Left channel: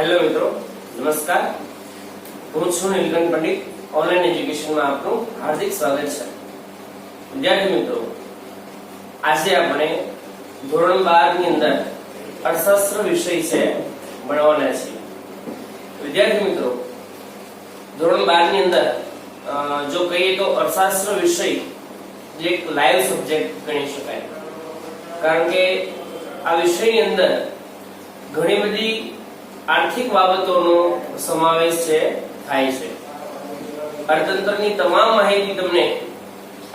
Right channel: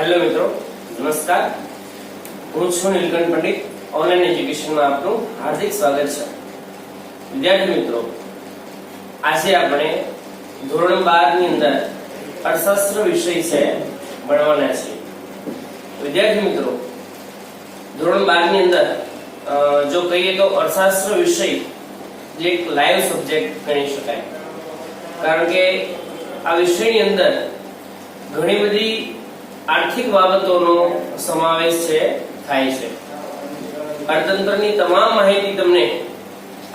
Hello મિત્રો, નમસ્કાર. હું છું નીલકંઠ પંડિત. ઓનલાઈન એજ્યુકેશનમાં આપનું હાર્દિક સ્વાગત છે. વિદ્યાર્થી મિત્રો, આજે આપણે ધોરણ 12 ની અંદર અર્થશાસ્ત્ર વિષય છે ભણવાના છીએ. વિદ્યાર્થી મિત્રો, ધોરણ 12 ની અંદર જો કહીએ તો અર્થશાસ્ત્ર વિષય જે એક લાઈવ સબ્જેક્ટ ગણી શકાય, કારણ કે આ વિષયની અંદર ઘણી બધી આર્થિક બાબતોનો સમાવેશ થાય છે. અર્થતંત્રની તમામ માહિતી તમને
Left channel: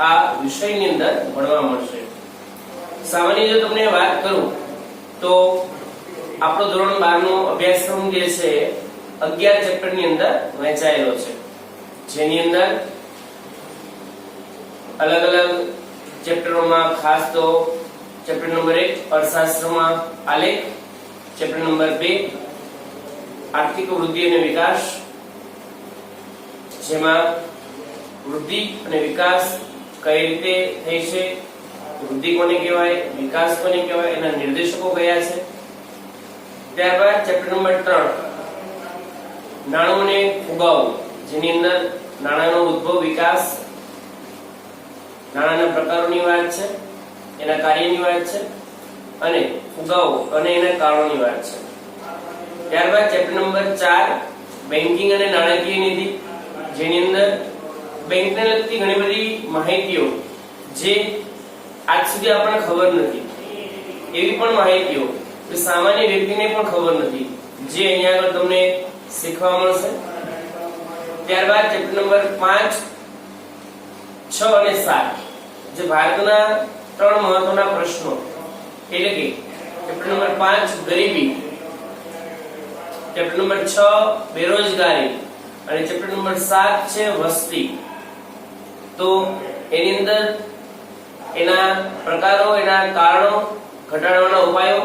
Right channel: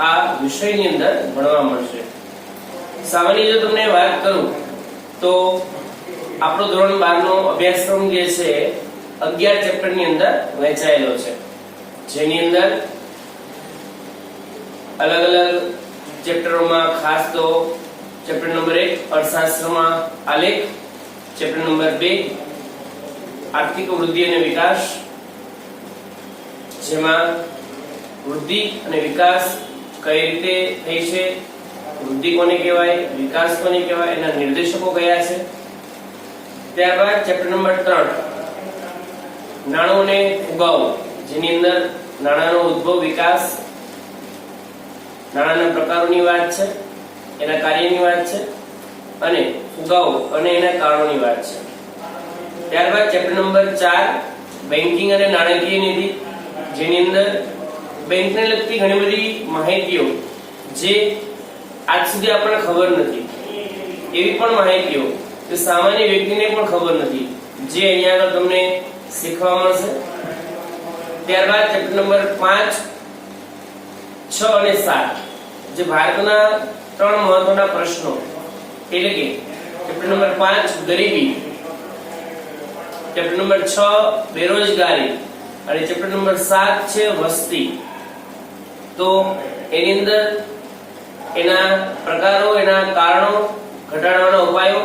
આ વિષયની અંદર ભણવા મળશે. સામાન્ય જો તમને વાત કરું તો આપણો ધોરણ 12 નો અભ્યાસક્રમ જે છે 11 ચેપ્ટરની અંદર વહેંચાયેલો છે, જેની અંદર અલગ અલગ ચેપ્ટરોમાં ખાસ તો ચેપ્ટર નંબર 1 અર્થશાસ્ત્રમાં આલેખ, ચેપ્ટર નંબર 2 આર્થિક વૃદ્ધિ અને વિકાસ, જેમાં વૃદ્ધિ અને વિકાસ કઈ રીતે થઈ છે, વૃદ્ધિ કોને કહેવાય, વિકાસ કોને કહેવાય, એના નિર્દેશકો કયા છે. ત્યારબાદ ચેપ્ટર નંબર 3 નાણું અને ફુગાવો, જેની અંદર નાણાંનો ઉદ્ભવ, વિકાસ, નાણાંના પ્રકારોની વાત છે, એના કાર્યની વાત છે, અને ફુગાવો અને એના કારણોની વાત છે. ત્યારબાદ ચેપ્ટર નંબર 4 બેન્કિંગ અને નાણાકીય નીતિ, જેની અંદર બેંકને લગતી ઘણી બધી માહિતીઓ જે આજ સુધી આપણને ખબર નથી, એવી પણ માહિતીઓ જે સામાન્ય વ્યક્તિને પણ ખબર નથી, જે અહીંયા આગળ તમને શીખવા મળશે. ત્યારબાદ ચેપ્ટર નંબર 5, 6 અને 7 જે ભારતના 3 મહત્વના પ્રશ્નો, એટલે કે ચેપ્ટર નંબર 5 ગરીબી, ચેપ્ટર નંબર 6 બેરોજગારી અને ચેપ્ટર નંબર 7 છે વસ્તી. તો એની અંદર એના પ્રકારો, એના કારણો, ઘટાડવાના ઉપાયો,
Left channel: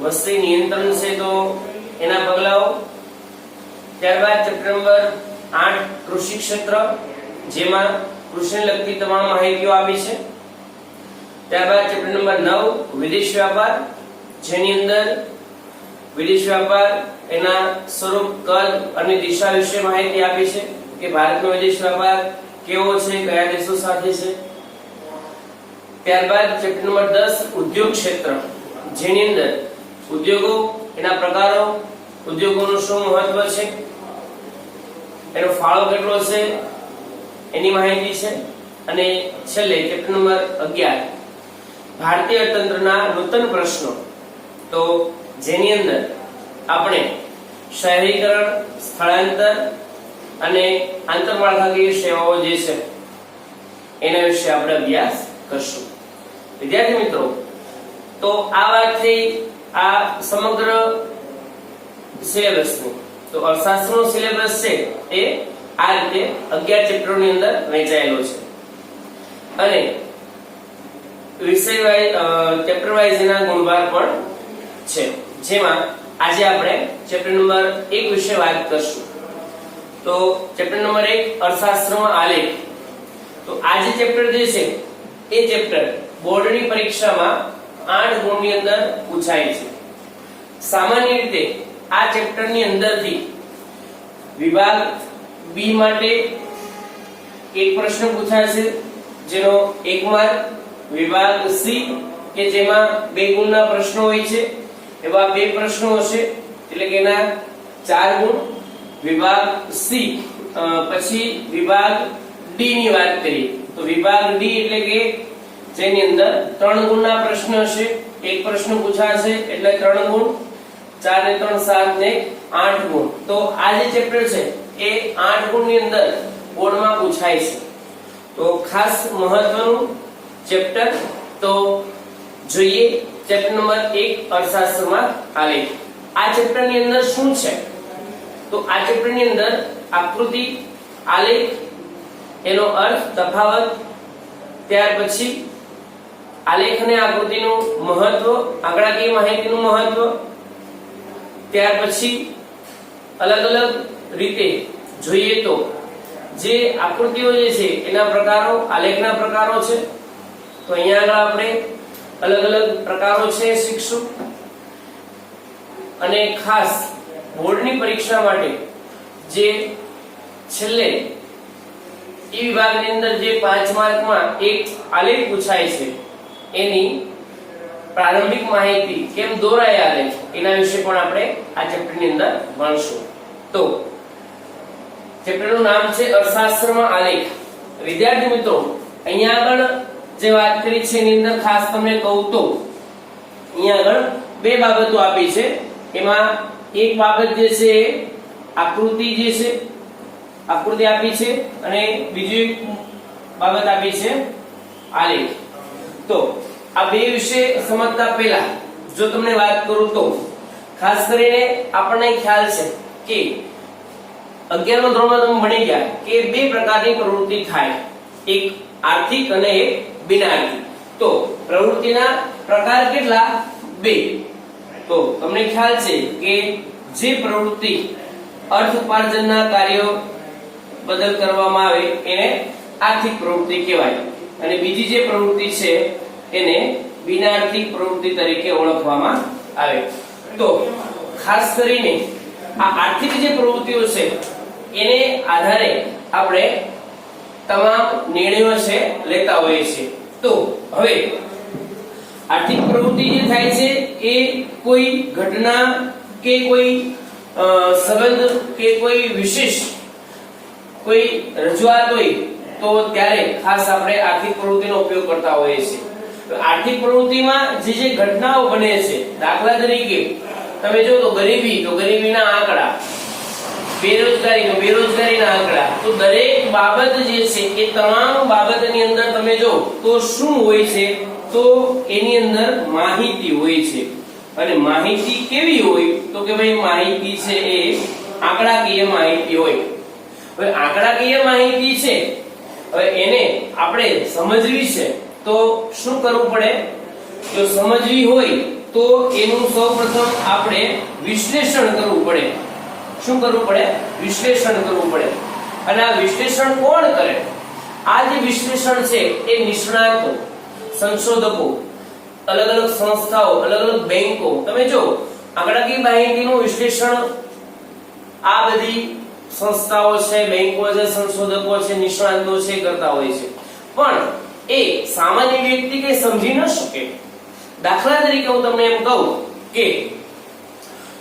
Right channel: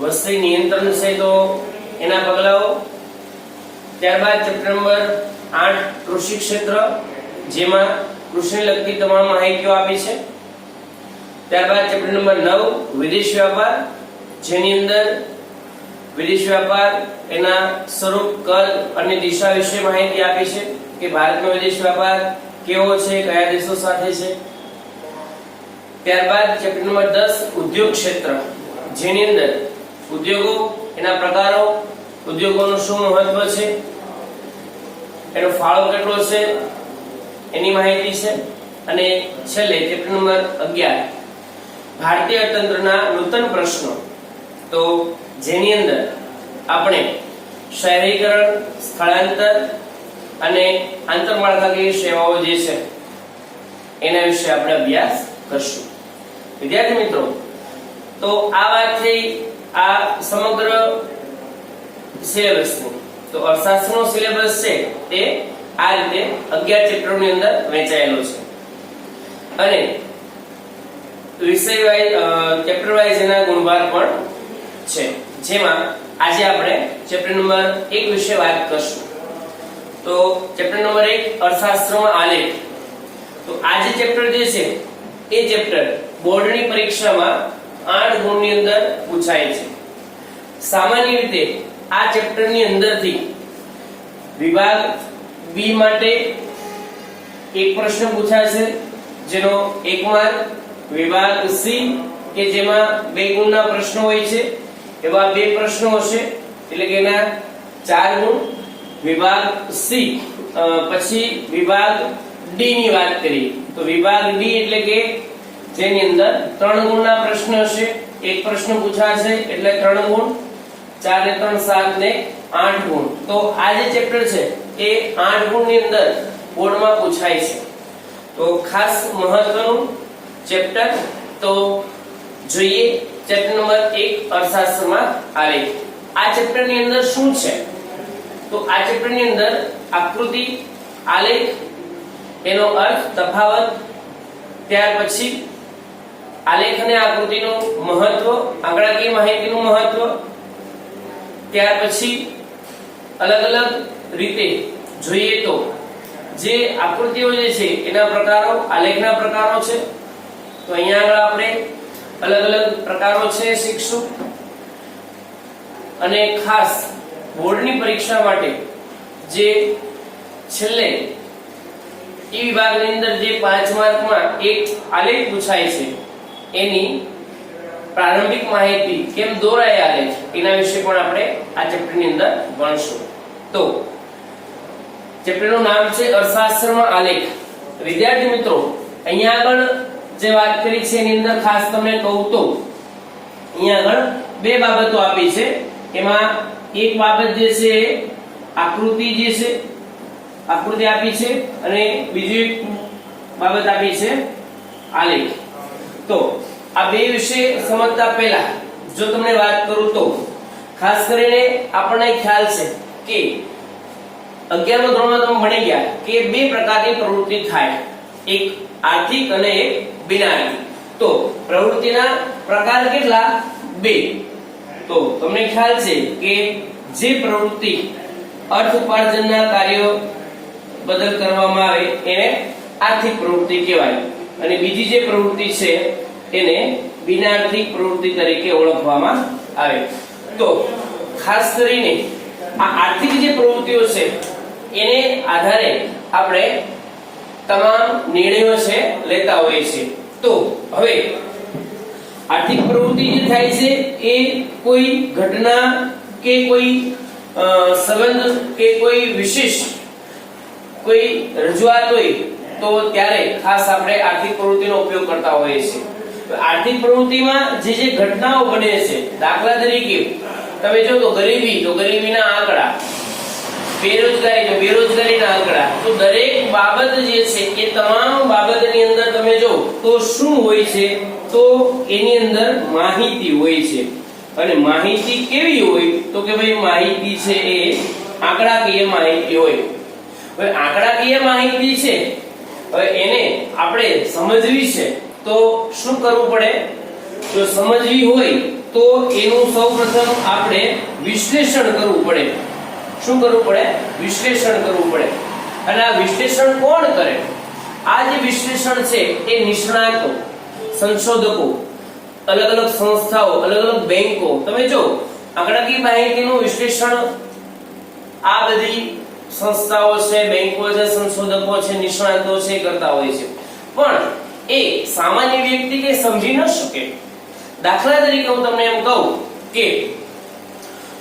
વસ્તી નિયંત્રણ છે તો એના પગલાઓ. ત્યારબાદ ચેપ્ટર નંબર 8 કૃષિ ક્ષેત્ર, જેમાં કૃષિને લગતી તમામ માહિતીઓ આપી છે. ત્યારબાદ ચેપ્ટર નંબર 9 વિદેશ વ્યાપાર, જેની અંદર વિદેશ વ્યાપાર, એના સ્વરૂપ, કદ અને દિશા વિશે માહિતી આપી છે કે ભારતનો વિદેશ વ્યાપાર કેવો છે, કયા દેશો સાથે છે. ત્યારબાદ ચેપ્ટર નંબર 10 ઉદ્યોગ ક્ષેત્ર, જેની અંદર ઉદ્યોગો, એના પ્રકારો, ઉદ્યોગોનું શું મહત્વ છે, એનો ફાળો કેટલો છે, એની માહિતી છે. અને છેલ્લે ચેપ્ટર નંબર 11 ભારતીય અર્થતંત્રના નૂતન પ્રશ્નો, તો જેની અંદર આપણે શહેરીકરણ, સ્થળાંતર અને આંતરમાળખાકીય સેવાઓ જે છે એના વિશે આપણે અભ્યાસ કરશું. વિદ્યાર્થી મિત્રો, તો આ વાત થઈ આ સમગ્ર સિલેબસની. તો અર્થશાસ્ત્રનો સિલેબસ છે એ આ રીતે 11 ચેપ્ટરોની અંદર વહેંચાયેલો છે, અને વિષય વાઇઝ, ચેપ્ટર વાઇઝ એના ગુણભાર પણ છે, જેમાં આજે આપણે ચેપ્ટર નંબર 1 વિશે વાત કરશું. તો ચેપ્ટર નંબર 1 અર્થશાસ્ત્રમાં આલેખ. તો આ જે ચેપ્ટર જે છે એ ચેપ્ટર બોર્ડની પરીક્ષામાં 8 ગુણની અંદર પૂછાય છે. સામાન્ય રીતે આ ચેપ્ટરની અંદરથી વિભાગ બી માટે એક પ્રશ્ન પૂછાશે, જેનો 1 માર્ક. વિભાગ સી કે જેમાં 2 ગુણના પ્રશ્નો હોય છે, એવા 2 પ્રશ્નો હશે, એટલે કે એના 4 ગુણ. વિભાગ સી પછી વિભાગ ડી ની વાત કરીએ તો વિભાગ ડી એટલે કે જેની અંદર 3 ગુણના પ્રશ્ન હશે, એક પ્રશ્ન પૂછાશે એટલે 3 ગુણ, 4 ને 3 7 ને 8 ગુણ. તો આ જે ચેપ્ટર છે એ 8 ગુણની અંદર બોર્ડમાં પૂછાય છે. તો ખાસ મહત્વનું ચેપ્ટર. તો જોઈએ ચેપ્ટર નંબર 1 અર્થશાસ્ત્રમાં આલેખ. આ ચેપ્ટરની અંદર શું છે? તો આ ચેપ્ટરની અંદર આકૃતિ, આલેખ, એનો અર્થ, તફાવત, ત્યાર પછી આલેખ અને આકૃતિનું મહત્વ, આંકડાકીય માહિતીનું મહત્વ, ત્યાર પછી અલગ અલગ રીતે જોઈએ તો જે આકૃતિઓ જે છે એના પ્રકારો, આલેખના પ્રકારો છે. તો અહીંયા આગળ આપણે અલગ અલગ પ્રકારો છે શીખશું. અને ખાસ બોર્ડની પરીક્ષા માટે જે છેલ્લે એ વિભાગની અંદર જે 5 માર્કમાં એક આલેખ પૂછાય છે એની પ્રારંભિક માહિતી કેમ દોરાય આલેખ એના વિશે પણ આપણે આ ચેપ્ટરની અંદર ભણશું. તો ચેપ્ટરનું નામ છે અર્થશાસ્ત્રમાં આલેખ. વિદ્યાર્થી મિત્રો, અહીંયા આગળ જે વાત કરી છે એની અંદર ખાસ તમને કહું તો અહીંયા આગળ બે બાબતો આપી છે. એમાં એક બાબત જે છે આકૃતિ જે છે આકૃતિ આપી છે અને બીજી એક બાબત આપી છે આલેખ. તો આ બે વિશે સમજતા પહેલા જો તમને વાત કરું તો ખાસ કરીને આપણને ખ્યાલ છે કે 11મા ધોરણમાં તમે ભણી ગયા કે બે પ્રકારની પ્રવૃત્તિ થાય, એક આર્થિક અને એક બિનઆર્થિક. તો પ્રવૃત્તિના પ્રકાર કેટલા? બે. તો તમને ખ્યાલ છે કે જે પ્રવૃત્તિ અર્થ ઉપાર્જનના કાર્યો બદલ કરવામાં આવે એને આર્થિક પ્રવૃત્તિ કહેવાય અને બીજી જે પ્રવૃત્તિ છે એને બિનઆર્થિક પ્રવૃત્તિ તરીકે ઓળખવામાં આવે. તો ખાસ કરીને આ આર્થિક જે પ્રવૃત્તિઓ છે એને આધારે આપણે તમામ નિર્ણયો છે લેતા હોઈએ છીએ. તો હવે આર્થિક પ્રવૃત્તિ જે થાય છે એ કોઈ ઘટના કે કોઈ સંબંધ કે કોઈ વિશેષ કોઈ રજૂઆત હોય તો ત્યારે ખાસ આપણે આર્થિક પ્રવૃત્તિનો ઉપયોગ કરતા હોઈએ છીએ. આર્થિક પ્રવૃત્તિમાં જે જે ઘટનાઓ બને છે, દાખલા તરીકે તમે જો તો ગરીબી તો ગરીબીના આંકડા, બેરોજગારી તો બેરોજગારીના આંકડા. તો દરેક બાબત જે છે એ તમામ બાબતની અંદર તમે જો તો શું હોય છે? તો એની અંદર માહિતી હોય છે. અને માહિતી કેવી હોય? તો કે ભાઈ માહિતી છે એ આંકડાકીય માહિતી હોય. હવે આંકડાકીય માહિતી છે, હવે એને આપણે સમજવી છે તો શું કરવું પડે? જો સમજવી હોય તો એનું સૌપ્રથમ આપણે વિશ્લેષણ કરવું પડે. શું કરવું પડે? વિશ્લેષણ કરવું પડે. અને આ વિશ્લેષણ કોણ કરે? આ જે વિશ્લેષણ છે એ નિષ્ણાતો, સંશોધકો, અલગ અલગ સંસ્થાઓ, અલગ અલગ બેંકો. તમે જો આંકડાકીય માહિતીનું વિશ્લેષણ આ બધી સંસ્થાઓ છે, બેંકો છે, સંશોધકો છે, નિષ્ણાતો છે કરતા હોય છે. પણ એ સામાન્ય વ્યક્તિ કે સમજી ન શકે. દાખલા તરીકે હું તમને એમ કહું કે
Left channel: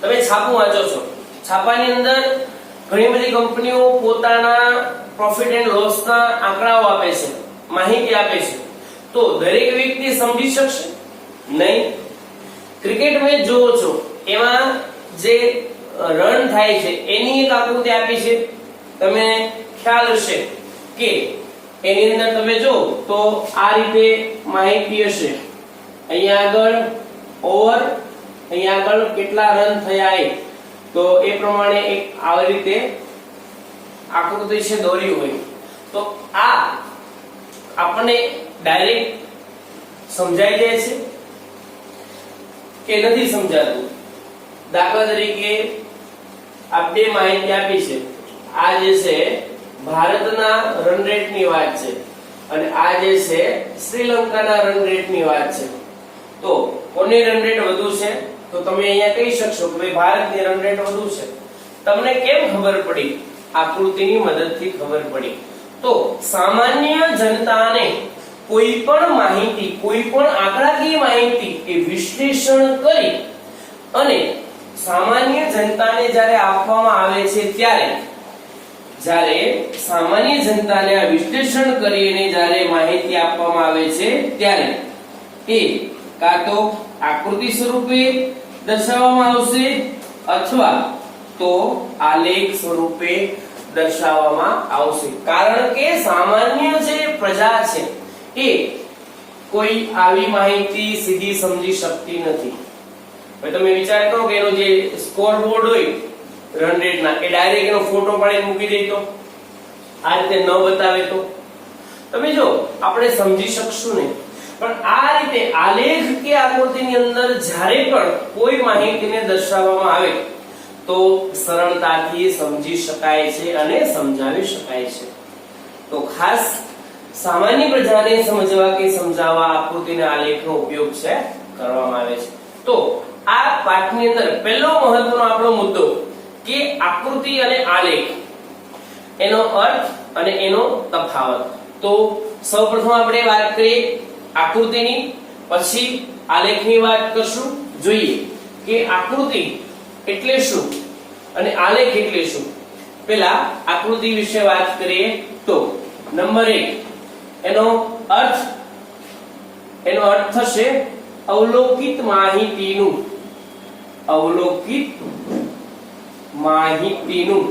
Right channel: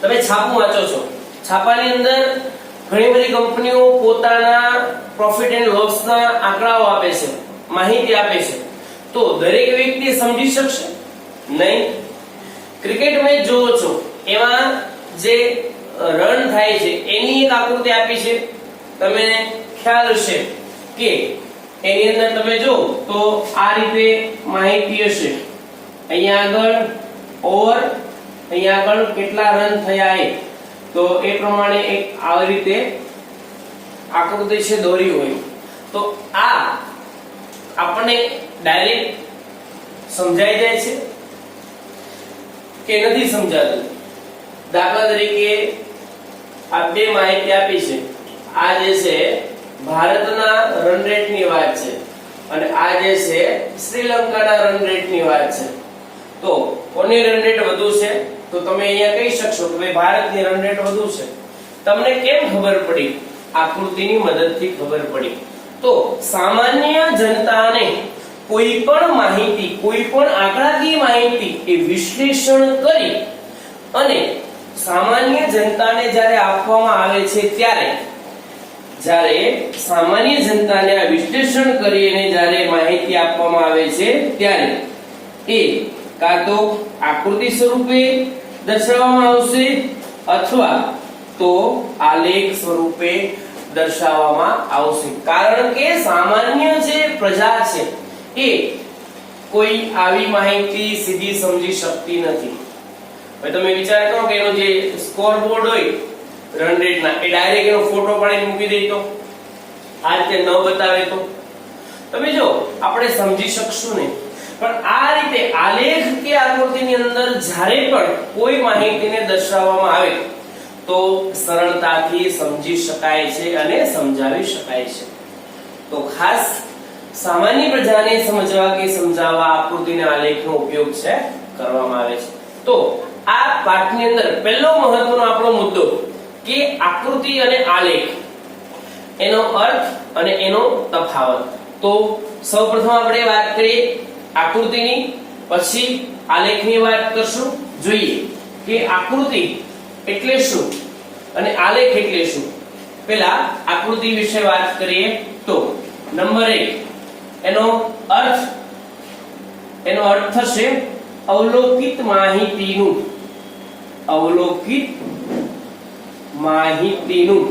તમે છાપું વાંચો છો, છાપાની અંદર ઘણી બધી કંપનીઓ પોતાના પ્રોફિટ એન્ડ લોસના આંકડાઓ આપે છે, માહિતી આપે છે. તો દરેક વ્યક્તિ સમજી શકશે નહીં. ક્રિકેટ મેચ જોવો છો, એમાં જે રન થાય છે એની એક આકૃતિ આપી છે. તમને ખ્યાલ હશે કે એની અંદર તમે જો તો આ રીતે માહિતી હશે. અહીંયા આગળ ઓવર, અહીંયા આગળ કેટલા રન થયા એ, તો એ પ્રમાણે એક આવી રીતે આકૃતિ છે દોરી હોય. તો આ આપણને ડાયરેક્ટ સમજાઈ જાય છે કે નથી સમજાતું? દાખલા તરીકે આ બે માહિતી આપી છે. આ જે છે ભારતના રન રેટની વાત છે અને આ જે છે શ્રીલંકાના રન રેટની વાત છે. તો કોની રન રેટ વધુ છે? તો તમે અહીંયા કહી શકશો કે ભાઈ ભારતની રન રેટ વધુ છે. તમને કેમ ખબર પડી? આકૃતિની મદદથી ખબર પડી. તો સામાન્ય જનતાને કોઈ પણ માહિતી, કોઈ પણ આંકડાકીય માહિતી એ વિશ્લેષણ કરી અને સામાન્ય જનતાને જ્યારે આપવામાં આવે છે જ્યારે સામાન્ય જનતાને આ વિશ્લેષણ કરીને જ્યારે માહિતી આપવામાં આવે છે ત્યારે એ કાં તો આકૃતિ સ્વરૂપે દર્શાવવામાં આવશે અથવા તો આલેખ સ્વરૂપે દર્શાવવામાં આવશે. કારણ કે સામાન્ય જે પ્રજા છે એ કોઈ આવી માહિતી સીધી સમજી શકતી નથી. હવે તમે વિચાર કરો કે એનો જે સ્કોર બોર્ડ હોય રન રેટના, એ ડાયરેક્ટ એનો ફોટો પાડીને મૂકી દે તો, આ રીતે ન બતાવે તો તમે જો આપણે સમજી શકશું નહીં. પણ આ રીતે આલેખ કે આકૃતિની અંદર જ્યારે પણ કોઈ માહિતીને દર્શાવવામાં આવે તો સરળતાથી સમજી શકાય છે અને સમજાવી શકાય છે. તો ખાસ સામાન્ય પ્રજાને સમજવા કે સમજાવવા આકૃતિના આલેખનો ઉપયોગ છે કરવામાં આવે છે. તો આ પાઠની અંદર પહેલો મહત્વનો આપણો મુદ્દો કે આકૃતિ અને આલેખ એનો અર્થ અને એનો તફાવત. તો સૌપ્રથમ આપણે વાત કરીએ આકૃતિની, પછી આલેખની વાત કરશું. જોઈએ કે આકૃતિ એટલે શું અને આલેખ એટલે શું. પહેલા આકૃતિ વિશે વાત કરીએ તો નંબર 1 એનો અર્થ થશે અવલોકિત માહિતીનું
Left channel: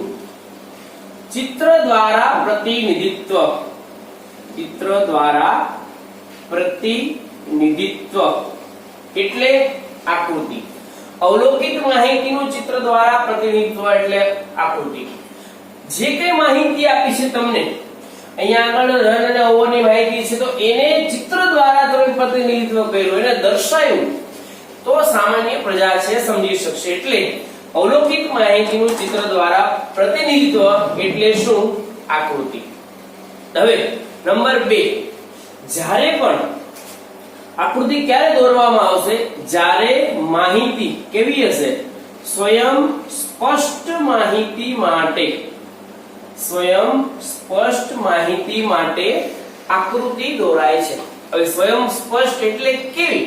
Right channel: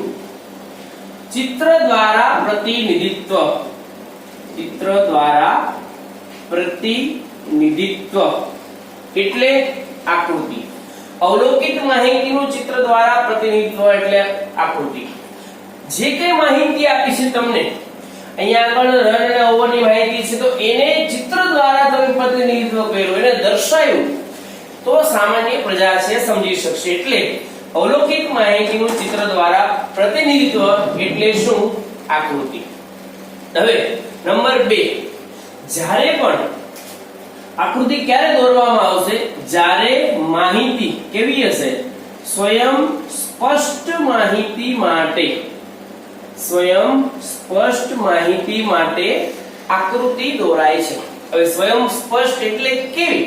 ચિત્ર દ્વારા પ્રતિનિધિત્વ એટલે આકૃતિ. અવલોકિત માહિતીનું ચિત્ર દ્વારા પ્રતિનિધિત્વ એટલે આકૃતિ. જે કઈ માહિતી આપી છે તમને, અહીંયા આગળ રન અને ઓવરની માહિતી છે, તો એને ચિત્ર દ્વારા તમે પ્રતિનિધિત્વ કર્યું, એને દર્શાવ્યું, તો સામાન્ય પ્રજા છે સમજી શકશે. એટલે અવલોકિત માહિતીનું ચિત્ર દ્વારા પ્રતિનિધિત્વ એટલે શું? આકૃતિ. હવે નંબર 2, જ્યારે પણ આકૃતિ ક્યારે દોરવામાં આવશે? જ્યારે માહિતી કેવી હશે? સ્વયં સ્પષ્ટ માહિતી માટે આકૃતિ દોરાય છે. હવે સ્વયં સ્પષ્ટ એટલે કેવી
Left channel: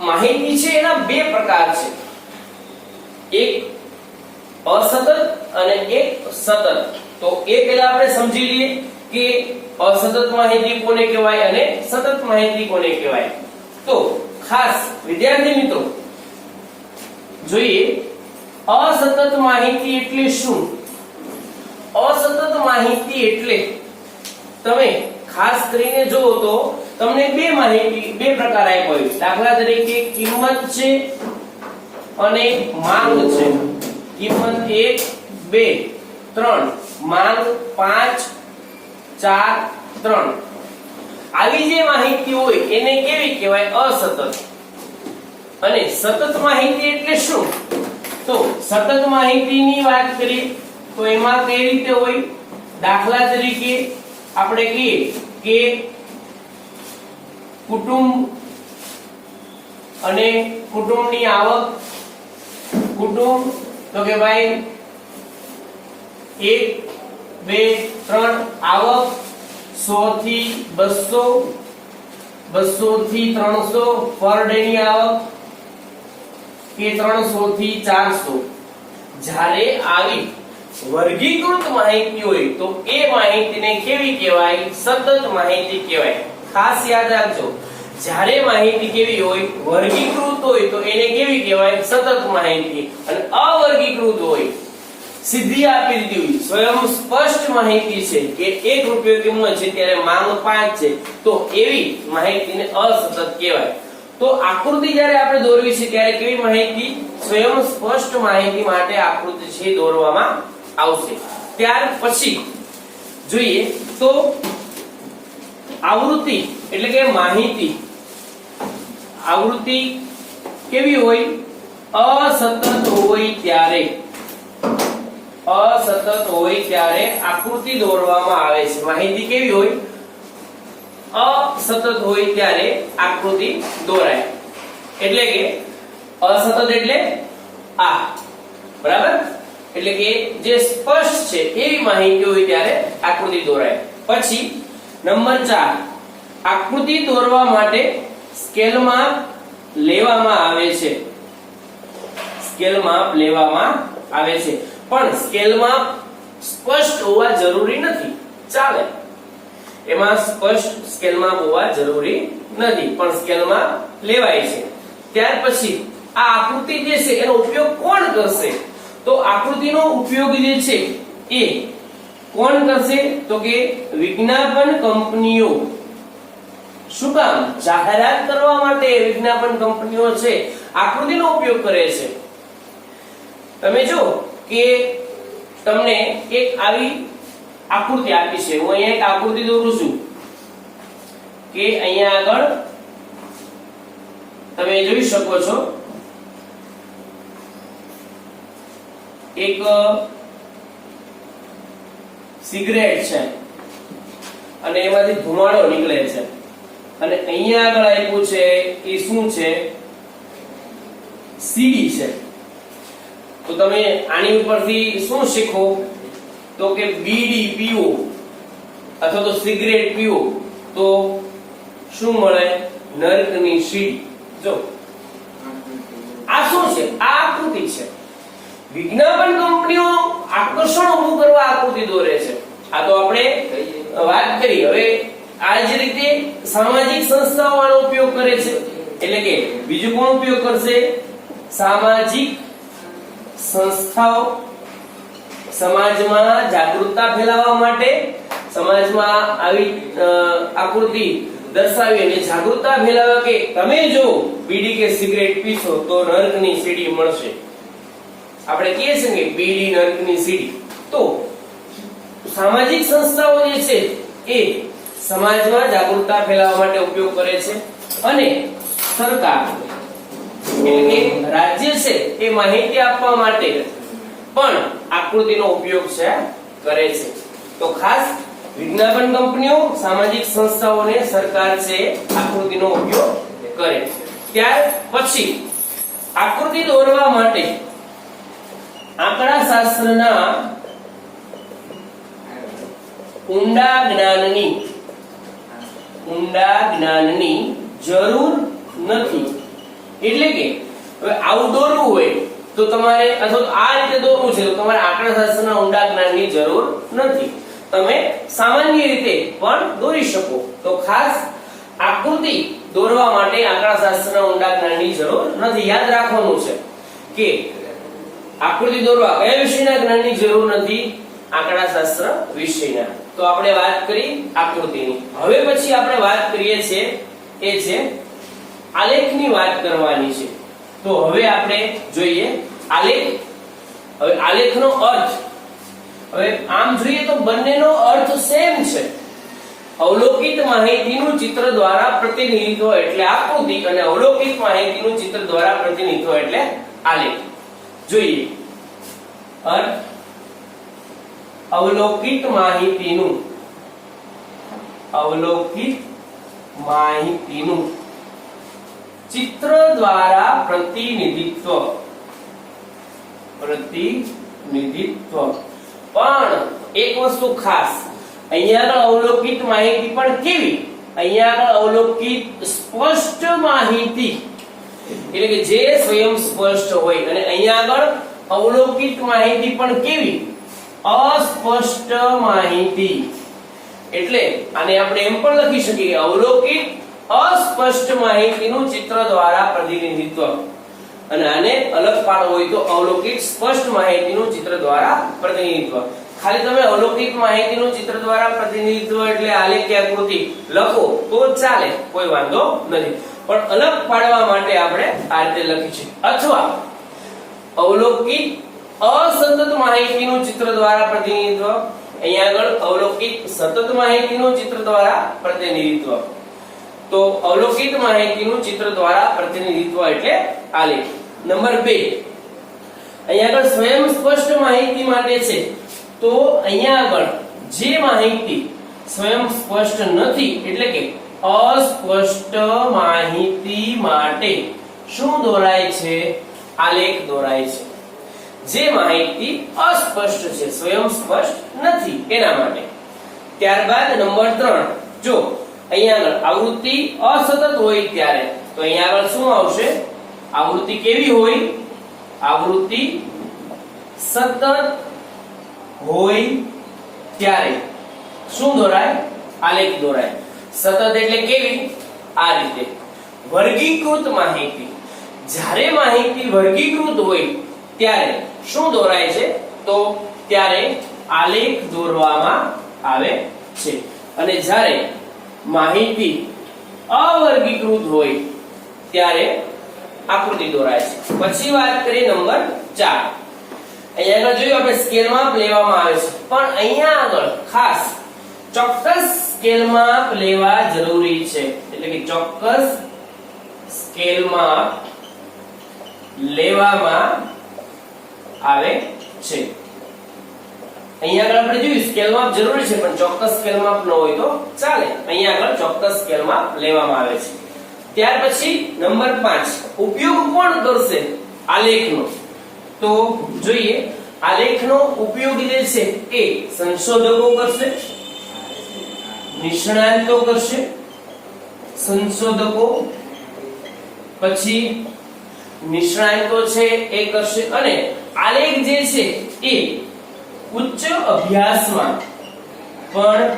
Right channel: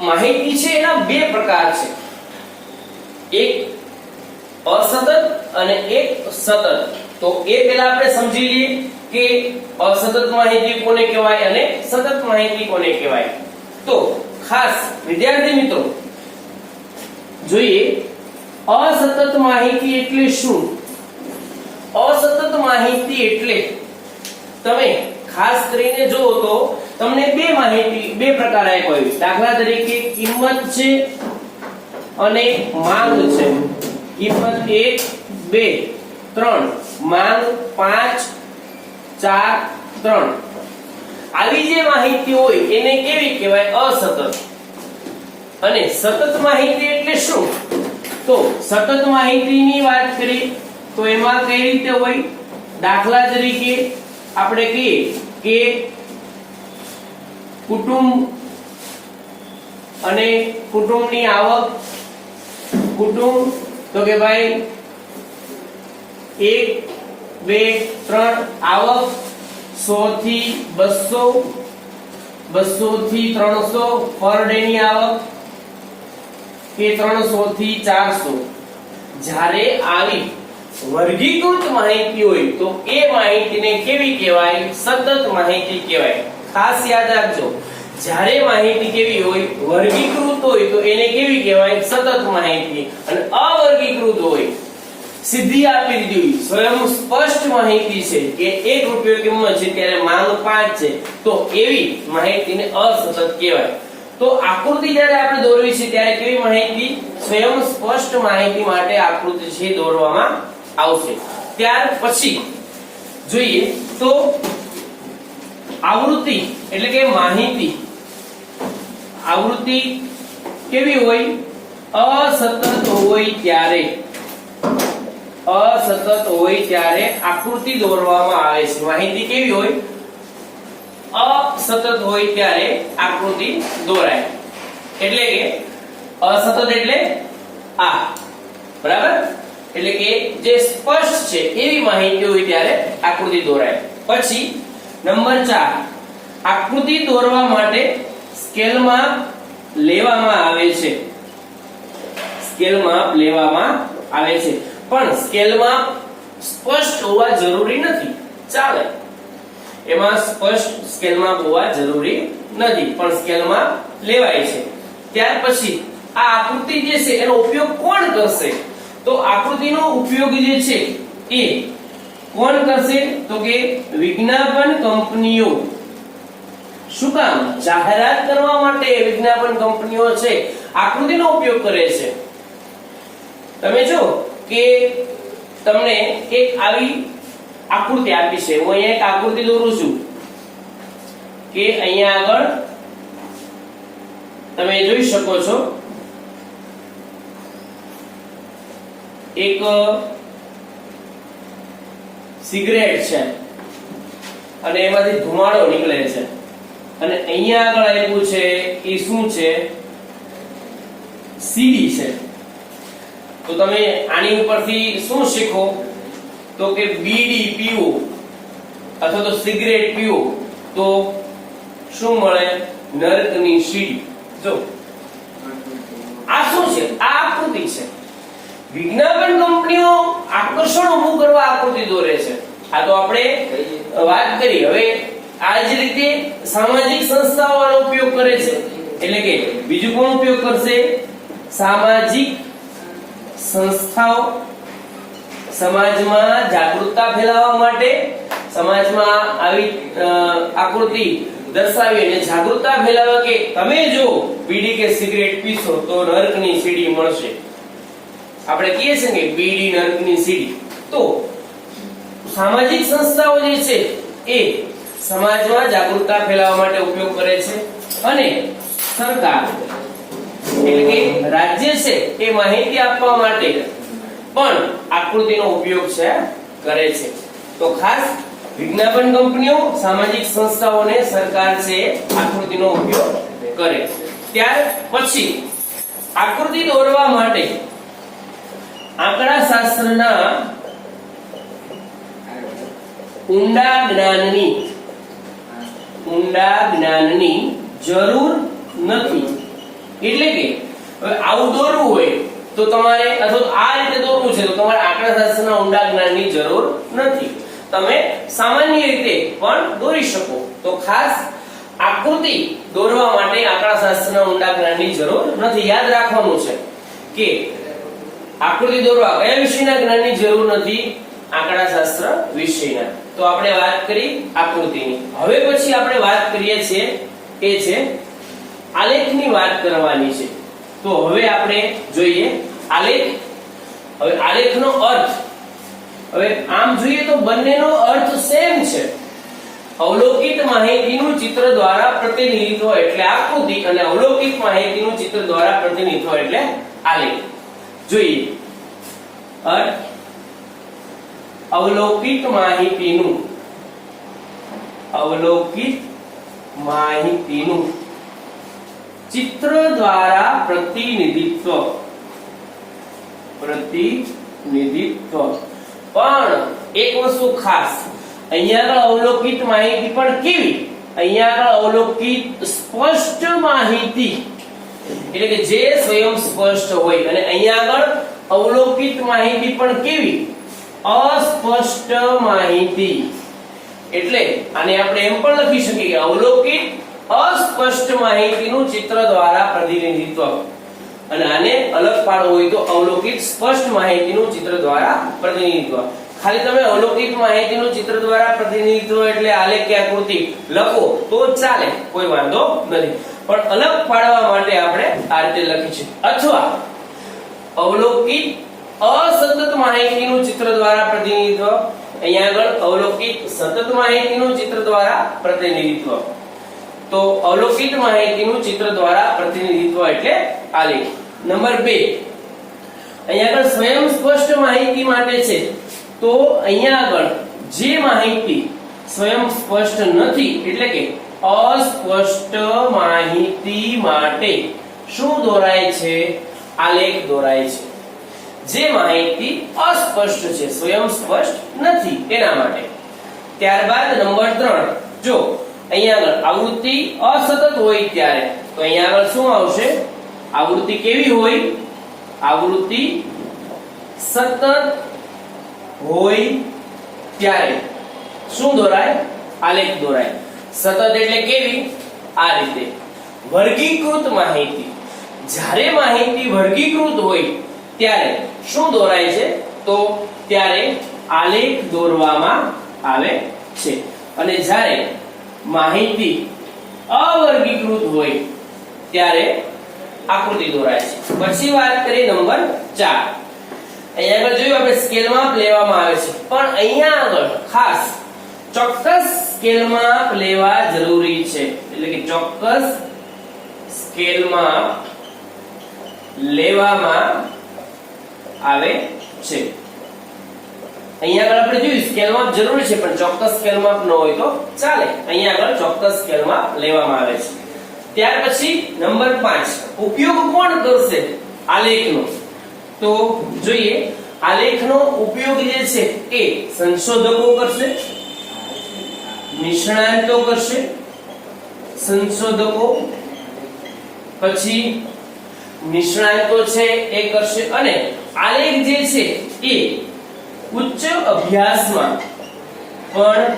માહિતી છે? એના બે પ્રકાર છે, એક અસતત અને એક સતત. તો એ પહેલા આપણે સમજી લઈએ કે અસતત માહિતી કોને કહેવાય અને સતત માહિતી કોને કહેવાય. તો ખાસ વિદ્યાર્થી મિત્રો જોઈએ અસતત માહિતી એટલે શું. અસતત માહિતી એટલે તમે ખાસ કરીને જુઓ તો તમને બે પ્રકાર આપ્યો હોય. દાખલા તરીકે કિંમત છે અને માંગ છે. કિંમત 1 2 3, માંગ 5 4 3. આવી જે માહિતી હોય એને કેવી કહેવાય? અસતત. અને સતત માહિતી એટલે શું? તો સતત માહિતીની વાત કરીએ તો એમાં કઈ રીતે હોય? દાખલા તરીકે આપણે કહીએ કે કુટુંબ અને કુટુંબની આવક. કુટુંબ તો કે ભાઈ 1 2 3, આવક 100 થી 200, 200 થી 300, પર ડે ની આવક કે 300 થી 400. જ્યારે આવી વર્ગીકૃત માહિતી હોય તો એ માહિતીને કેવી કહેવાય? સતત માહિતી કહેવાય. ખાસ યાદ રાખજો, જ્યારે માહિતી કેવી હોય? વર્ગીકૃત હોય તો એને કેવી કહેવાય? સતત માહિતી. અને અવર્ગીકૃત હોય, સીધી આપી દીધી હોય, સ્વયં સ્પષ્ટ માહિતી છે કે 1 રૂપિયો કિંમત છે ત્યારે માંગ 5 છે, તો એવી માહિતીને અસતત કહેવાય. તો આકૃતિ જ્યારે આપણે દોરવી છે ત્યારે કેવી માહિતી? સ્વયં સ્પષ્ટ માહિતી માટે આકૃતિ છે દોરવામાં આવશે. ત્યાર પછી જોઈએ તો આવૃત્તિ એટલે કે માહિતી. આવૃત્તિ કેવી હોય? અસતત હોય ત્યારે આકૃતિ દોરવામાં આવે છે. માહિતી કેવી હોય? અસતત હોય ત્યારે આકૃતિ દોરાય. એટલે કે અસતત એટલે આ, બરાબર? એટલે કે જે સ્પષ્ટ છે એવી માહિતી હોય ત્યારે આકૃતિ દોરાય. પછી નંબર 4, આકૃતિ દોરવા માટે સ્કેલમાં લેવામાં આવે છે. પણ સ્કેલમાં સ્પષ્ટ હોવા જરૂરી નથી, ચાલે. એમાં સ્પષ્ટ સ્કેલમાં હોવા જરૂરી નથી, પણ સ્કેલમાં લેવાય છે. ત્યાર પછી આ આકૃતિ જે છે એનો ઉપયોગ કોણ કરશે? તો આકૃતિનો ઉપયોગ જે છે એ કોણ કરશે? તો કે વિજ્ઞાપન કંપનીઓ. શું કામ? જાહેરાત કરવા માટે વિજ્ઞાપન કંપનીઓ છે આકૃતિનો ઉપયોગ કરે છે. તમે જો કે તમને એક આવી આકૃતિ આપી છે, હું અહીંયા એક આકૃતિ દોરું છું કે અહીંયા આગળ તમે જોઈ શકો છો એક સિગરેટ છે અને એમાંથી ધુમાડો નીકળે છે, અને અહીંયા આગળ આપ્યું છે એ શું છે? સીડી છે. તો તમે આની ઉપરથી શું શીખો તો કે બીડી પીવો અથવા તો સિગરેટ પીવો તો શું મળે? નરકની સીડી. જો આ શું છે? આ આકૃતિ છે. વિજ્ઞાપન કંપનીઓ આકર્ષણ ઊભું કરવા આકૃતિ દોરે છે. આ તો આપણે વાત કરી. હવે આ જ રીતે સામાજિક સંસ્થાઓ આનો ઉપયોગ કરે છે. એટલે કે બીજું કોણ ઉપયોગ કરશે? સામાજિક સંસ્થાઓ સમાજમાં જાગૃતતા ફેલાવવા માટે, સમાજમાં આવી આકૃતિ દર્શાવી અને જાગૃતતા ફેલાવવા કે તમે જો બીડી કે સિગરેટ પીશો તો નરકની સીડી મળશે. આપણે કહીએ છીએ કે બીડી નરકની સીડી. તો સામાજિક સંસ્થાઓ જે છે એ સમાજમાં જાગૃતતા ફેલાવવા માટે ઉપયોગ કરે છે અને સરકાર એટલે કે રાજ્ય છે એ માહિતી આપવા માટે પણ આકૃતિનો ઉપયોગ છે કરે છે. તો ખાસ વિજ્ઞાપન કંપનીઓ, સામાજિક સંસ્થાઓને સરકાર છે આકૃતિનો ઉપયોગ કરે. ત્યાર પછી આકૃતિ દોરવા માટે આંકડા શાસ્ત્રના ઊંડા જ્ઞાનની જરૂર નથી. એટલે કે હવે આવું દોરવું હોય તો તમારે અથવા આ રીતે દોરવું છે તો તમારે આંકડાશાસ્ત્રના ઊંડા જ્ઞાનની જરૂર નથી. તમે સામાન્ય રીતે પણ દોરી શકો. તો ખાસ આકૃતિ દોરવા માટે આંકડાશાસ્ત્રના ઊંડા જ્ઞાનની જરૂર નથી. યાદ રાખવાનું છે કે આકૃતિ દોરવા કયા વિષયના જ્ઞાનની જરૂર નથી? આંકડાશાસ્ત્ર વિષયના. તો આપણે વાત કરી આકૃતિની. હવે પછી આપણે વાત કરીએ છીએ એ છે આલેખની વાત કરવાની છે. તો હવે આપણે જોઈએ આલેખ. હવે આલેખનો અર્થ, હવે આમ જોઈએ તો બંનેનો અર્થ સેમ છે. અવલોકિત માહિતીનું ચિત્ર દ્વારા પ્રતિનિધિત્વ એટલે આકૃતિ અને અવલોકિત માહિતીનું ચિત્ર દ્વારા પ્રતિનિધિત્વ એટલે આલેખ. જોઈએ અર્થ. અવલોકિત માહિતીનું ચિત્ર દ્વારા પ્રતિનિધિત્વ. પણ એક વસ્તુ ખાસ, અહીંયા આગળ અવલોકિત માહિતી પણ કેવી? અહીંયા આગળ અવલોકિત સ્પષ્ટ માહિતી એટલે કે જે સ્વયં સ્પષ્ટ હોય, અને અહીંયા આગળ અવલોકિત માહિતી પણ કેવી? અસ્પષ્ટ માહિતી. એટલે આને આપણે એમ પણ લખી શકીએ કે અવલોકિત અસ્પષ્ટ માહિતીનું ચિત્ર દ્વારા પ્રતિનિધિત્વ. અને આને અલગ પાડવું હોય તો અવલોકિત સ્પષ્ટ માહિતીનું ચિત્ર દ્વારા પ્રતિનિધિત્વ. ખાલી તમે અવલોકિત માહિતીનું ચિત્ર દ્વારા પ્રતિનિધિત્વ એટલે આલેખ કે આકૃતિ લખો તો ચાલે, કોઈ વાંધો નથી. પણ અલગ પાડવા માટે આપણે આ રીતે લખીશું. અથવા અવલોકિત અસતત માહિતીનું ચિત્ર દ્વારા પ્રતિનિધિત્વ. અહીંયા આગળ અવલોકિત સતત માહિતીનું ચિત્ર દ્વારા પ્રતિનિધિત્વ. તો અવલોકિત માહિતીનું ચિત્ર દ્વારા પ્રતિનિધિત્વ એટલે આલેખ. નંબર 2, અહીંયા આગળ સ્વયં સ્પષ્ટ માહિતી માટે છે. તો અહીંયા આગળ જે માહિતી સ્વયં સ્પષ્ટ નથી એટલે કે અસ્પષ્ટ માહિતી માટે શું દોરાય છે? આલેખ દોરાય છે. જે માહિતી અસ્પષ્ટ છે, સ્વયં સ્પષ્ટ નથી એના માટે. ત્યારબાદ નંબર 3, જો અહીંયા આગળ આવૃત્તિ અસતત હોય ત્યારે તો અહીંયા આગળ શું આવશે? આવૃત્તિ કેવી હોય? આવૃત્તિ સતત હોય ત્યારે શું દોરાય? આલેખ દોરાય. સતત એટલે કેવી? આ રીતે. વર્ગીકૃત માહિતી, જ્યારે માહિતી વર્ગીકૃત હોય ત્યારે શું દોરાય છે? તો ત્યારે આલેખ દોરવામાં આવે છે. અને જ્યારે માહિતી અવર્ગીકૃત હોય ત્યારે આકૃતિ દોરાય છે. પછી વાત કરી નંબર 4. અહીંયા આગળ જોયું આપણે સ્કેલ માપ લેવામાં આવે છે, પણ અહીંયા આગળ ખાસ ચોક્કસ સ્કેલ માપ લેવા જરૂરી છે. એટલે કે ચોક્કસ સ્કેલ માપ લેવામાં આવે છે. અહીંયા આગળ આપણે જોયું સ્કેલ માપ જરૂરી છે, પણ ચોક્કસ સ્કેલ માપ ન હોય તો ચાલે. અહીંયા આગળ ચોક્કસ સ્કેલ માપ લેવામાં આવે છે. ત્યાર પછી નંબર 5, ઉપયોગ કોણ કરશે? આલેખનો. તો જોઈએ આલેખનો ઉપયોગ જે છે એ સંશોધકો કરશે, નિષ્ણાતો કરશે, સંશોધકો પછી નિષ્ણાતો છે એ કરશે, અને આલેખ જે છે એ ઉચ્ચ અભ્યાસમાં પણ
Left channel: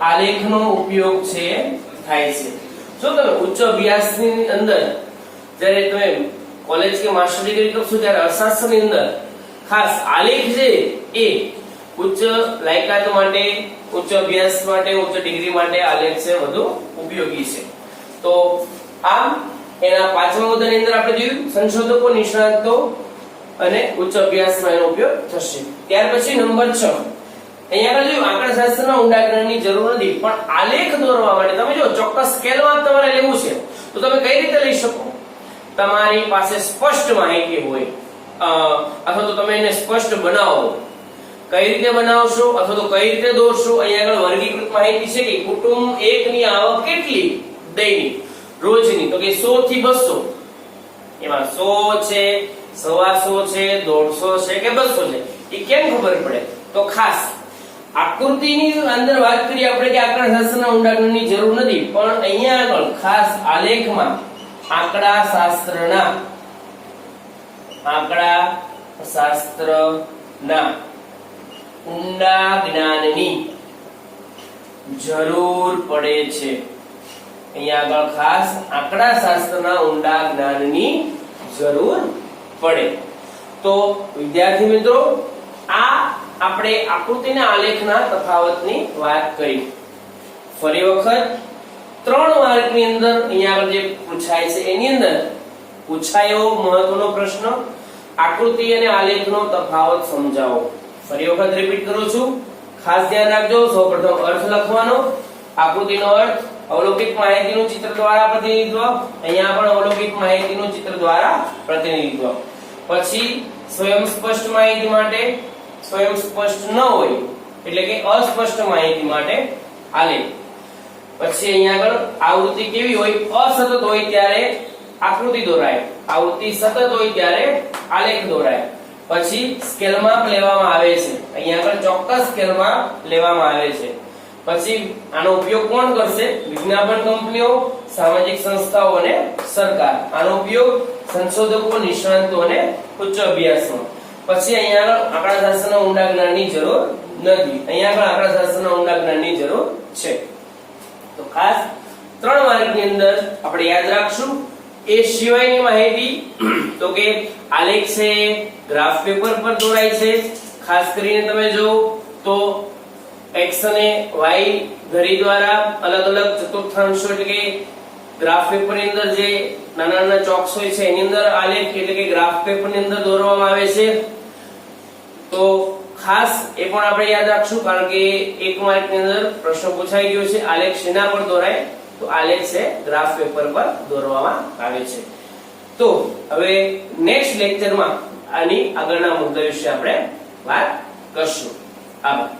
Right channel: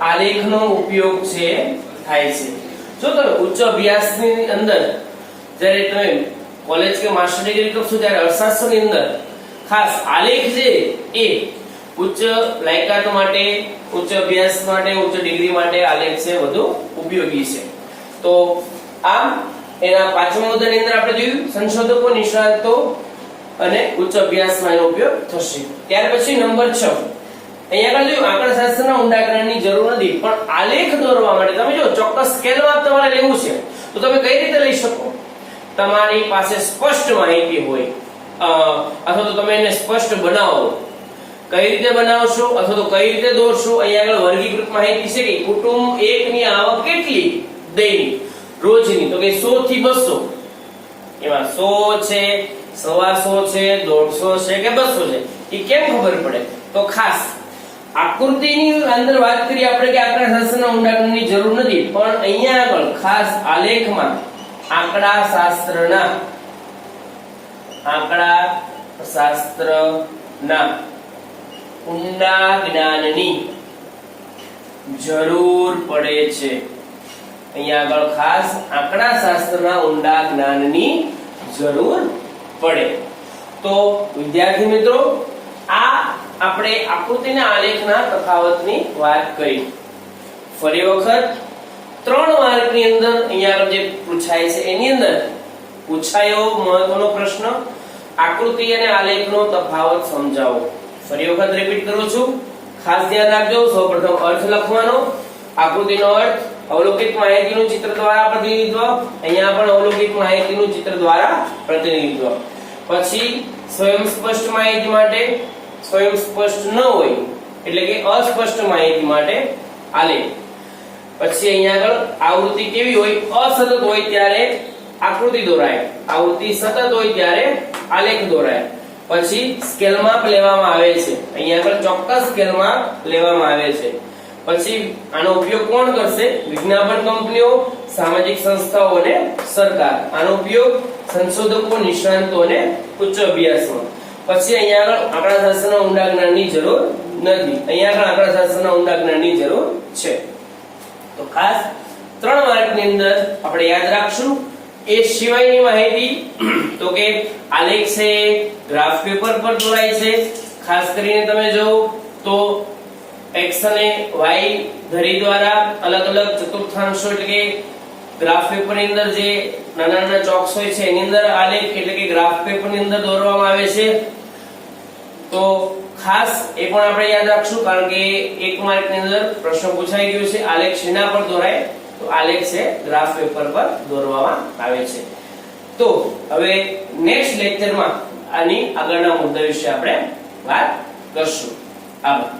આલેખનો ઉપયોગ છે થાય છે. જો તમે ઉચ્ચ અભ્યાસની અંદર જ્યારે તમે કોલેજ કે માસ્ટર ડિગ્રી કરશો ત્યારે અર્થશાસ્ત્રની અંદર ખાસ આલેખ છે એ ઉચ્ચ લાયકાત માટે, ઉચ્ચ અભ્યાસ માટે, ઉચ્ચ ડિગ્રી માટે આલેખ છે વધુ ઉપયોગી છે. તો આમ એના પાંચમા મુદ્દાની અંદર આપણે જોયું સંશોધકો, નિષ્ણાતો અને ઉચ્ચ અભ્યાસમાં એનો ઉપયોગ થશે. ત્યાર પછી નંબર 6 અહીંયા આગળ જોયું આંકડાશાસ્ત્રના ઊંડા જ્ઞાનની જરૂર નથી, પણ આલેખ દોરવા માટે તમે જો ચોક્કસ સ્કેલમાં તમારે લેવું છે તો તમે કઈ રીતે લઈ શકો? તમારી પાસે સ્પષ્ટ માહિતી હોય અથવા તો તમે એને સ્પષ્ટ બનાવો. કઈ રીતે બનાવશો અથવા તો કઈ રીતે દોરશો? અહીંયા આગળ વર્ગીકૃત માહિતી છે કે કુટુંબ એકની આવક કેટલી દૈનિક રોજની, તો કે 100 થી 200. એમાં 100 છે, 125 છે, 150 છે કે 200 છે, એ કેમ ખબર પડે? તો ખાસ આકૃતિની અંદર વાત કરીએ આપણે કે આંકડાશાસ્ત્રના ઊંડા જ્ઞાનની જરૂર નથી, પણ અહીંયા આગળ ખાસ આલેખમાં આંકડાશાસ્ત્રના ઊંડા જ્ઞાનની જરૂર પડે છે. અહીંયા આગળ ખાસ આંકડાશાસ્ત્રના ઊંડા જ્ઞાનની જરૂર પડે. તો વિદ્યાર્થી મિત્રો આ આપણે આકૃતિના આલેખના તફાવતની વાત કરી. ફરી વખત 3 માર્કની અંદર અહીંયા આગળ જે પૂછાય છે એની અંદર પૂછાયો મહત્વનો પ્રશ્ન આકૃતિ અને આલેખનો તફાવત સમજાવો. ફરી વખત રિપીટ કરું છું, ખાસ ધ્યાન રાખજો. સૌપ્રથમ અર્થ લખવાનો, આકૃતિનો અર્થ અવલોકિત માહિતીનું ચિત્ર દ્વારા પ્રતિનિધિત્વ, અહીંયા પણ અવલોકિત માહિતીનું ચિત્ર દ્વારા પ્રતિનિધિત્વ. પછી સ્વયં સ્પષ્ટ માહિતી માટે, સ્વયં સ્પષ્ટ ન હોય એટલે કે અસ્પષ્ટ માહિતી માટે આલેખ. પછી અહીંયા આગળ આવૃત્તિ કેવી હોય? અસતત હોય ત્યારે આકૃતિ દોરાય, આવૃત્તિ સતત હોય ત્યારે આલેખ દોરાય. પછી સ્કેલમાં લેવામાં આવે છે, અહીંયા આગળ ચોક્કસ સ્કેલમાં લેવામાં આવે છે. પછી આનો ઉપયોગ કોણ કરશે? વિજ્ઞાપન કંપનીઓ, સામાજિક સંસ્થાઓ અને સરકાર. આનો ઉપયોગ સંશોધકો, નિષ્ણાતો અને ઉચ્ચ અભ્યાસમાં. પછી અહીંયા આગળ આંકડાશાસ્ત્રના ઊંડા જ્ઞાનની જરૂર નથી, અહીંયા આગળ આંકડાશાસ્ત્રના ઊંડા જ્ઞાનની જરૂર છે. તો ખાસ 3 માર્કની અંદર આપણે યાદ રાખશું. એ સિવાયની માહિતી તો કે આલેખ છે ગ્રાફ પેપર પર દોરાય છે. ખાસ કરીને તમે જો તો x અને y ધરી દ્વારા અલગ અલગ ચતુર્થાંશો એટલે કે ગ્રાફ પેપરની અંદર જે નાના નાના ચોક્સ હોય છે એની અંદર આલેખ એટલે કે ગ્રાફ પેપરની અંદર દોરવામાં આવે છે. તો ખાસ એ પણ આપણે યાદ રાખશું, કારણ કે 1 માર્કની અંદર પ્રશ્ન પૂછાઈ ગયો છે આલેખ શેના પર દોરાય? તો આલેખ છે ગ્રાફ પેપર પર દોરવામાં આવે છે. તો હવે નેક્સ્ટ લેક્ચરમાં આની આગળના મુદ્દા વિશે આપણે વાત કરશું. આભાર.